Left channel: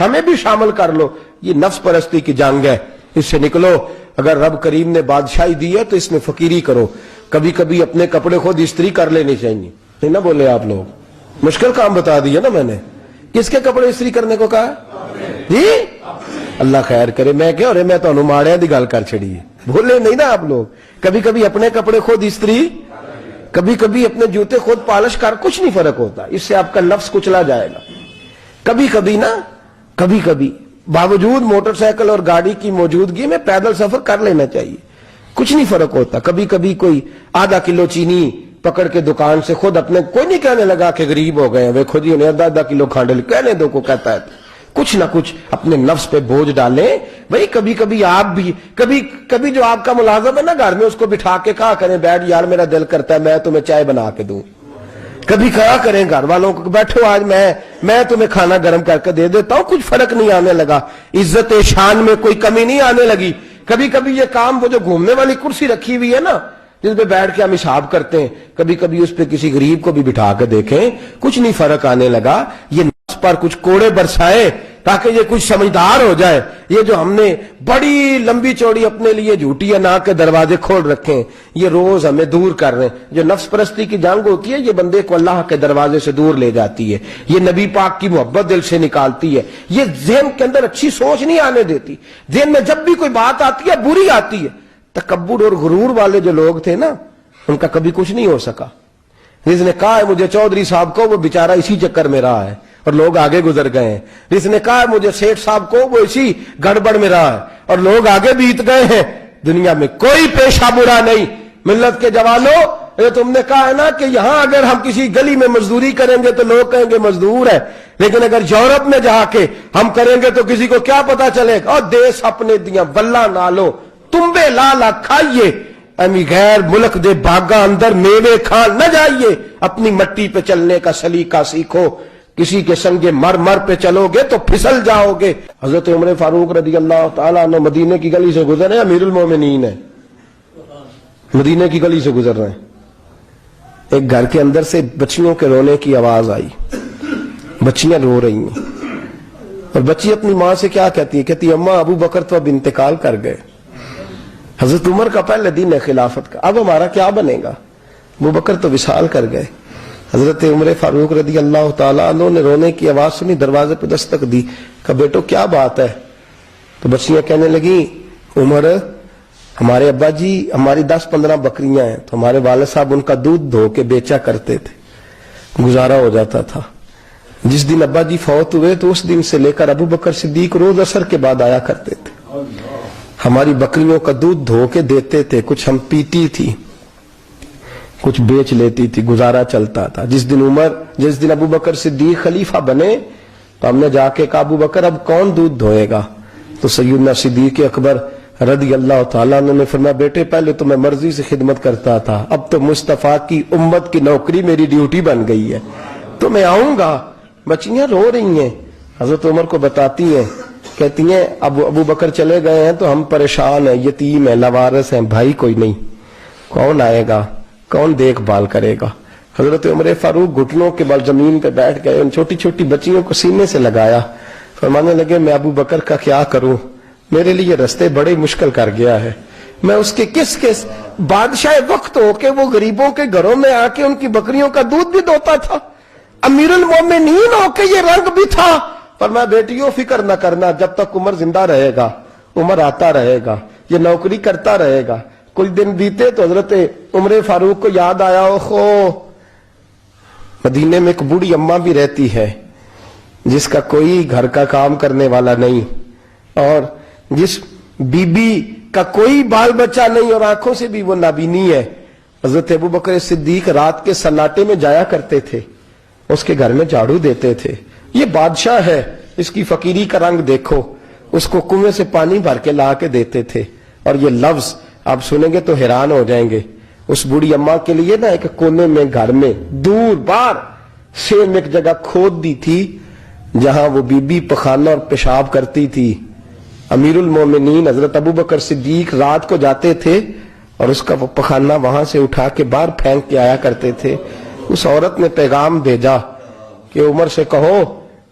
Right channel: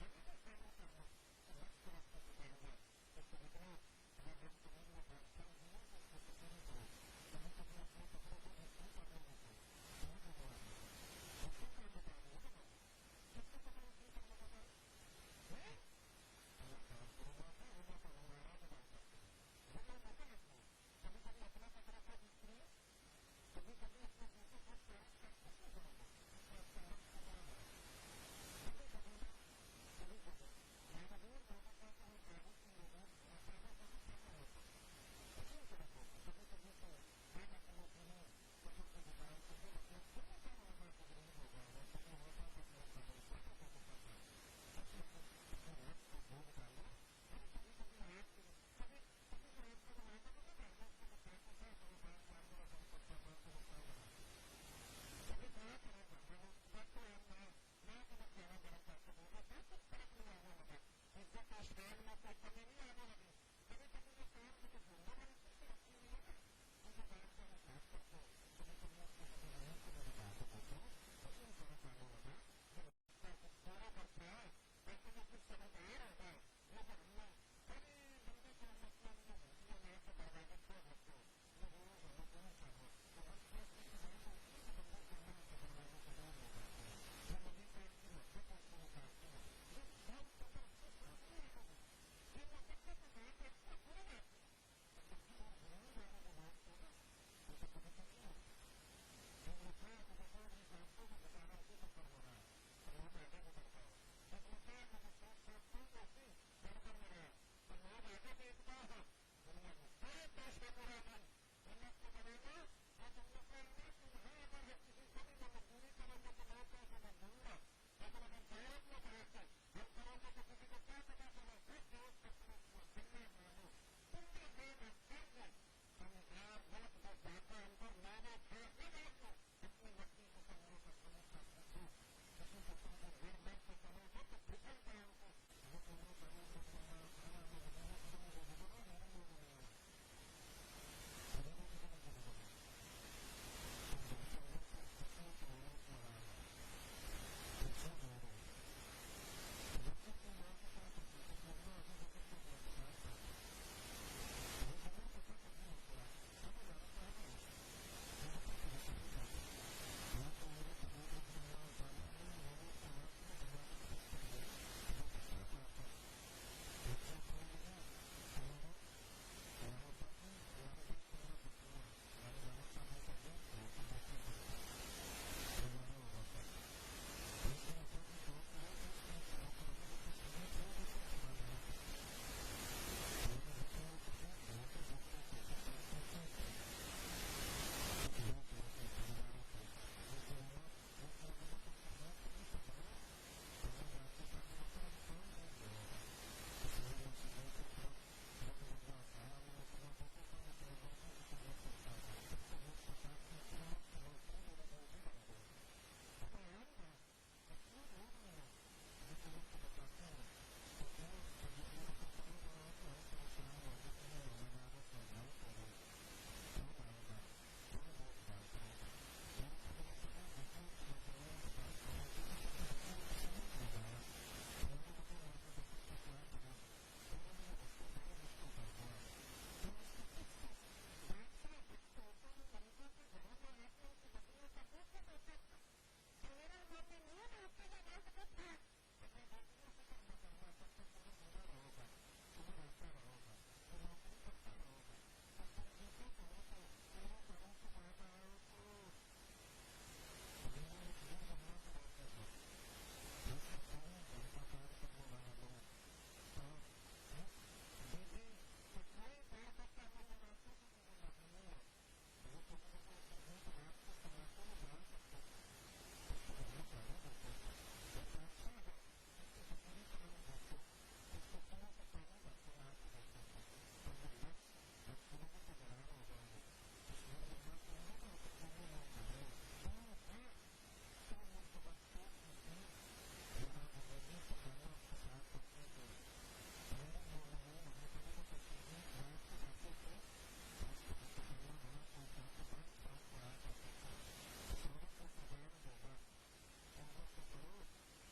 ہمیں بھی شامل کر لو. یہ نفس پرستی کی جنگ ہے, اس سے نکلو. اگر رب کریم نے بادشاہی دی ہے تو اس میں فقیری کرو. کبھی کبھی اپنے کپڑے خود استری کر لینے چاہیے. نہیں نہ بولے آپ لوگ, مشکل کام بتا دیا نا میں نے. کس کے کپڑے استری کرنے کو کہا جی؟ اللہ خیر کرے. میں کیا میں تو ماڑیاں دی گل کر چھڑی ہے, بولے نہیں نا آپ لوگ. کبھی کبھی اپنے کپڑے خود استری, کبھی کبھی اپنے جوتے خود پالش کر, کچھ نہیں فرق ہوتا. اس سے آپ کا نفس کچلا جائے گا. کبھی کبھی نا, کبھی کبھی باوجود موٹر سائیکل اور گاڑی کی موجودگی میں پیدل سفر کر لینا چاہیے, کچھ نہیں فرق ہوتا. کبھی کبھی کوئی آدھا کلو چینی پکڑ کے دکان سے خود اپنے, کوئی نہیں کہنے لگا کہ غریب ہو گئے وہ خود ہی انہیں آدھا کلو کھانڈل کہنے دو کو کہتا ہے. کچھ نہ کچھ اپنے نفس پہ بوجھ ڈالیں بھائی. کبھی کبھی آپ بھی, کبھی جو آپ کا ملازم ہے نا گھر میں, اس کو بٹھا کے کہا کریں بیٹھ یار میرا دل کرتا ہے میں تمہیں چائے بنا کے دوں. کبھی کہا کریں گھر والوں کو بیٹھو آج میں تمہیں کھانا گرم کر کے دے دیتا ہوں. کچھ فرق نہیں آنے لگا, عزت شان میں کوئی کمی نہیں آنے لگی. کبھی کبھی یہ کام, وہ جو گھومنے والی کرسی رکھی ہوئی ہے نا جس پہ بیٹھ کے ہم حساب کرتے ہیں, کبھی کبھی اس پہ کسی غریب کو بھی بٹھا کے دیکھیں, کچھ نہیں فرق آنے لگا. یہ نفس پر کچھ کوڑے برسائے تاکہ یہ کچھ سمجھدار ہو جائے. یہ جو ہم نے بڑی لمبی چوڑی اپنے لیے جھوٹی اناق کے دروازے کھول رکھے ہیں, یہ روز ہمیں دور کر رہے ہیں. جو نفس پرستی کی جنگ ہوتی ہے یہ بندے کو اللہ کے دروازے سے دور لے جاتی ہے. یہ نبی پاک کی محبت دل سے نکالتی ہے. یہ ذہن کے اندر اچھی سوچ نہیں آنے دیتی. ذہن میں جب بھی کوئی بات آتی ہے بری آتی ہے. تکبر اور غرور والے جو لوگ تھے نا ان کا کبھی کچھ نہیں ہو سکا. جس نے کہا ہے مجھے چودھری صاحب کو, وہ بیچارہ اسی چکر میں رہا ہے اور لوگ آگے گزر گئے ہیں. جس نے کہا ہے مجھے سیٹھ صاحب کو, وہ اسی گڑبڑ میں رہا ہے اور لوگ آگے بیت گئے ہیں. دنیا میں کوئی پیشہ برا نہیں. ملت کے جوانوں, یہ تم نے کہا ہے نا کہ یہاں اگر ہم کسی گلی میں مزدوری کریں گے تو لوگ کہیں گے مزدور ہے, لیکن اگر یورپ میں جا کے ہم کریں گے تو کسی کو کیا پتا چلے گا؟ اور دیس اپنے دیاں واللہ نالو تمبے لالا کھائیے, امی غیر ملک دے باغاں اندر میوے کھان نہ جائیے. اپنی مٹی پہ چلنے کا سلیقہ سیکھو. کسی کے سنگے مر پہ چلو گے تو پھسل جاؤ گے. حضرت عمر فاروق رضی اللہ تعالیٰ عنہ مدینے کی گلی سے گزر رہے ہیں, امیر المومنین ہے, مدینے کی گلی سے گزر رہے ہیں. ایک گھر کے اندر سے بچیوں کے رونے کی آواز آئی. بچیاں رو رہی ہیں اور بچی اپنی ماں سے کیا کہتی ہے؟ کہتی اماں ابو بکر تو اب انتقال کر گئے. حضرت عمر کا پہلے دن ہے خلافت کا, اب ہمارا کیا بنے گا؟ ابو بکر تو وصال کر گئے. حضرت عمر فاروق رضی اللہ تعالیٰ عنہ نے رونے کی آواز سنی, دروازے پہ دستک دی, کہا بیٹو کیا بات ہے؟ تو بچیاں کہنے لگی عمر ہمارے ابا جی ہماری 10-15 بکریاں ہیں, تو ہمارے والد صاحب ان کا دودھ دھو کے بیچا کرتے تھے, گزارا ہو جاتا تھا. جس دن ابا جی فوت ہوئے تو اس دن سے لے کر ابو بکر صدیق روز عصر کے بعد آیا کرتے تھے, ہماری بکریوں کا دودھ دھو کے دیتے تھے. کچھ ہم پیتی تھی, کچھ بیچ لیتی تھی, گزارا چلتا تھا. جس دن ابو بکر صدیق خلیفہ بنے تو ہم نے جا کے کہا ابو بکر اب کون دودھ دھوئے گا؟ تو سیدنا صدیق اکبر رضی اللہ تعالیٰ عنہ نے فرمایا بیٹے پہلے تو میں مرضی سے خدمت کرتا تھا, اب تو مصطفیٰ کی امت کی نوکری میری ڈیوٹی بن گئی ہے, تو میں آؤں گا. بچیاں رو رہی ہیں, حضرت عمر کو بتاتی ہیں, کہتی ہیں ابو بکر چلے گئے ہیں تو ہم پریشان ہیں, یتیم ہیں, لوارث ہیں, بھائی کوئی نہیں, کون آئے گا, کون دیکھ بھال کرے گا؟ حضرت عمر فاروق گھٹنوں کے بل زمین پہ بیٹھ گئے, ان چھوٹی چھوٹی بچیوں کو سینے سے لگایا, فرمانے لگے میں ابو بکر کا کیا کروں, میرے لیے رستے بڑے مشکل کر گیا ہے. میں اس کے کس بادشاہ وقت ہو کے وہ غریبوں کے گھروں میں آ کے ان کی بکریوں کا دودھ بھی دوتا تھا, امیر المومنین ہو کے یہ رنگ بھی تھا. فرمایا بیٹیوں فکر نہ کرنا, جب تک عمر زندہ رہے گا, عمر آتا رہے گا, یہ نوکری کرتا رہے گا. کچھ دن بیتے تو حضرت عمر فاروق کو یاد آیا اوہو مدینے میں ایک بوڑھی اماں بھی رہتی ہے جس کا کوئی گھر کا کام کرنے والا نہیں, اور جس بی بی کا کوئی بال بچہ نہیں, اور آنکھوں سے بھی وہ نابینی ہے. حضرت ابو بکر صدیق رات کے سناٹے میں جایا کرتے تھے, اس کے گھر میں جھاڑو دیتے تھے. یہ بادشاہ ہے, اس کی فقیری کا رنگ دیکھو, اس کو کنویں سے پانی بھر کے لا کے دیتے تھے. اور یہ لفظ آپ سنیں گے تو حیران ہو جائیں گے. اس بوڑھی اماں کے لیے نا ایک کونے میں گھر میں دور بار سیم ایک جگہ کھود دی تھی جہاں وہ بی بی پخانہ اور پیشاب کرتی تھی. امیر المومنین حضرت ابو بکر صدیق رات کو جاتے تھے اور اس کا وہ پخانہ وہاں سے اٹھا کے باہر پھینک کے آیا کرتے تھے. اس عورت نے پیغام بھیجا کہ عمر سے کہو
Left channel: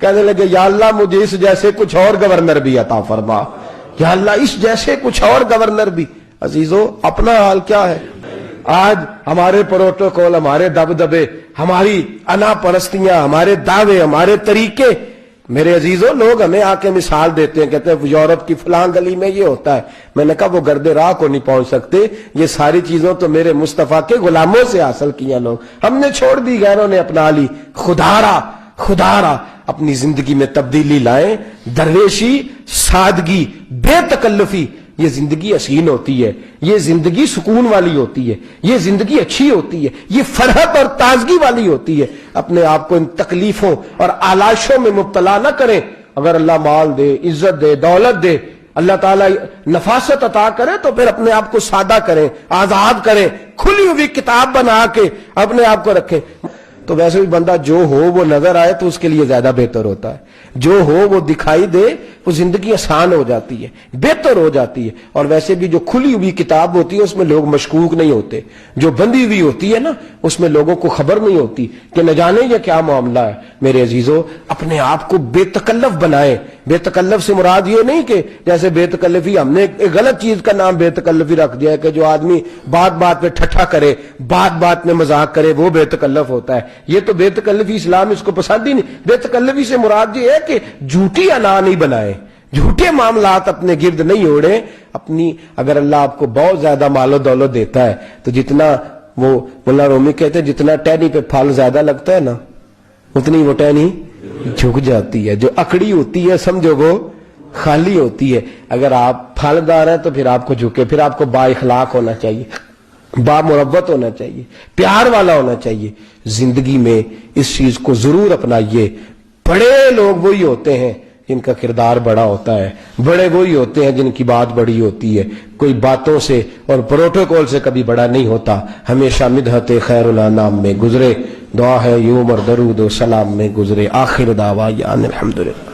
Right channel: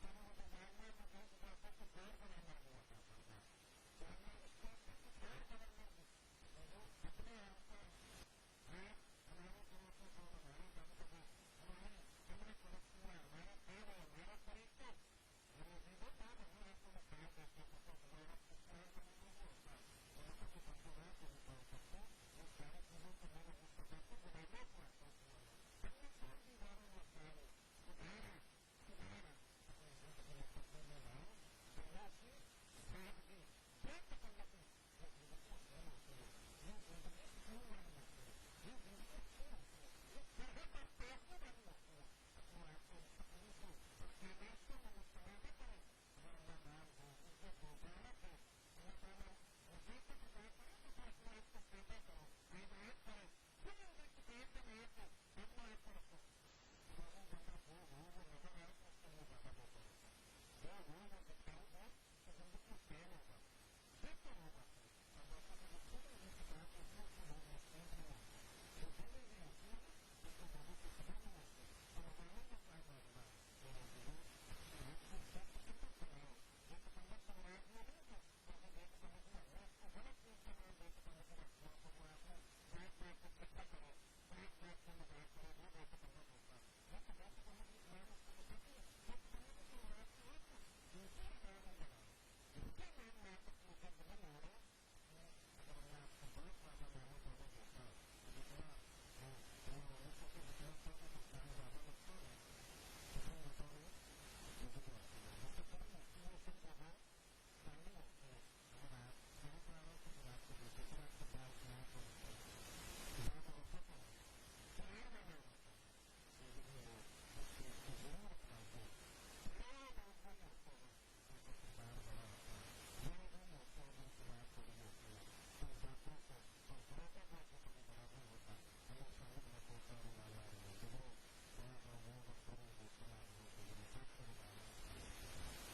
کہنے لگے یا اللہ مجھے اس جیسے کچھ اور گورنر بھی عطا فرما، یا اللہ اس جیسے کچھ اور گورنر بھی۔ عزیزو اپنا حال کیا ہے؟ آج ہمارے پروٹوکول، ہمارے دبدبے، ہماری انا پرستیاں، ہمارے دعوے، ہمارے طریقے، میرے عزیزو لوگ ہمیں آ کے مثال دیتے ہیں، کہتے ہیں یورپ کی فلاں گلی میں یہ ہوتا ہے۔ میں نے کہا وہ گرد راہ کو نہیں پہنچ سکتے، یہ ساری چیزوں تو میرے مصطفیٰ کے غلاموں سے حاصل کیا لوگ، ہم نے چھوڑ دی، غیروں نے اپنا لی۔ خدا را اپنی زندگی میں تبدیلی لائیں، درویشی، سادگی، بے تکلفی، یہ زندگی حسین ہوتی ہے، یہ زندگی سکون والی ہوتی ہے، یہ زندگی اچھی ہوتی ہے، یہ فرحت اور تازگی والی ہوتی ہے۔ اپنے آپ کو ان تکلیفوں اور آلائشوں میں مبتلا نہ کریں۔ اگر اللہ مال دے، عزت دے، دولت دے، اللہ تعالیٰ نفاست عطا کرے تو پھر اپنے آپ کو سادہ کریں، آزاد کریں، کھلی ہوئی کتاب بنا کے اپنے آپ کو رکھیں۔ تو ویسے بھی بندہ جو ہو وہ نظر آئے تو اس کے لیے زیادہ بہتر ہوتا ہے، جو ہو وہ دکھائی دے، وہ زندگی آسان ہو جاتی ہے، بہتر ہو جاتی ہے۔ اور ویسے بھی جو کھلی ہوئی کتاب ہوتی ہے اس میں لوگ مشکوک نہیں ہوتے، جو بندی ہوئی ہوتی ہے نا اس میں لوگوں کو خبر نہیں ہوتی کہ نہ جانے یہ کیا معاملہ ہے۔ میرے عزیزو اپنے آپ کو بے تکلف بنائیں۔ بے تکلف سے مراد یہ نہیں کہ جیسے بے تکلفی ہم نے ایک غلط چیز کا نام بے تکلفی رکھ دیا ہے کہ جو آدمی بات بات پہ ٹھٹھا کرے، بات بات میں مذاق کرے، وہ بے تکلف ہوتا ہے۔ یہ تو بے تکلفی اسلام اس کو پسند ہی نہیں۔ بے تکلفی سے مراد یہ ہے کہ جھوٹی انا نہیں بنائے، جھوٹے معاملات اپنے گرد نہیں اوڑے۔ اپنی اگر اللہ آپ کو بہت زیادہ مال و دولت دیتا ہے تو جتنا وہ مولانا رومی کہتے ہیں جتنا ٹہنی پہ پھل زیادہ لگتا ہے نا اتنی وہ ٹہنی جھک جاتی ہے، جو اکڑی ہوتی ہے سمجھو وہ خالی ہوتی ہے۔ اگر آپ پھلدار ہیں تو پھر آپ کو جھکے، پھر آپ کو با اخلاق ہونا چاہیے، با مربت ہونا چاہیے، پیار والا ہونا چاہیے۔ زندگی میں اس چیز کو ضرور اپنائیے۔ بڑے لوگ وہی ہوتے ہیں جن کا کردار بڑا ہوتا ہے، بڑے وہی ہوتے ہیں جن کی بات بڑی ہوتی ہے۔ کوئی باتوں سے اور پروٹوکول سے کبھی بڑا نہیں ہوتا، ہمیشہ مدحت خیر الانام میں گزرے، دعا ہے یوم اور درود و سلام میں گزرے۔ آخر دعوانا الحمدللہ۔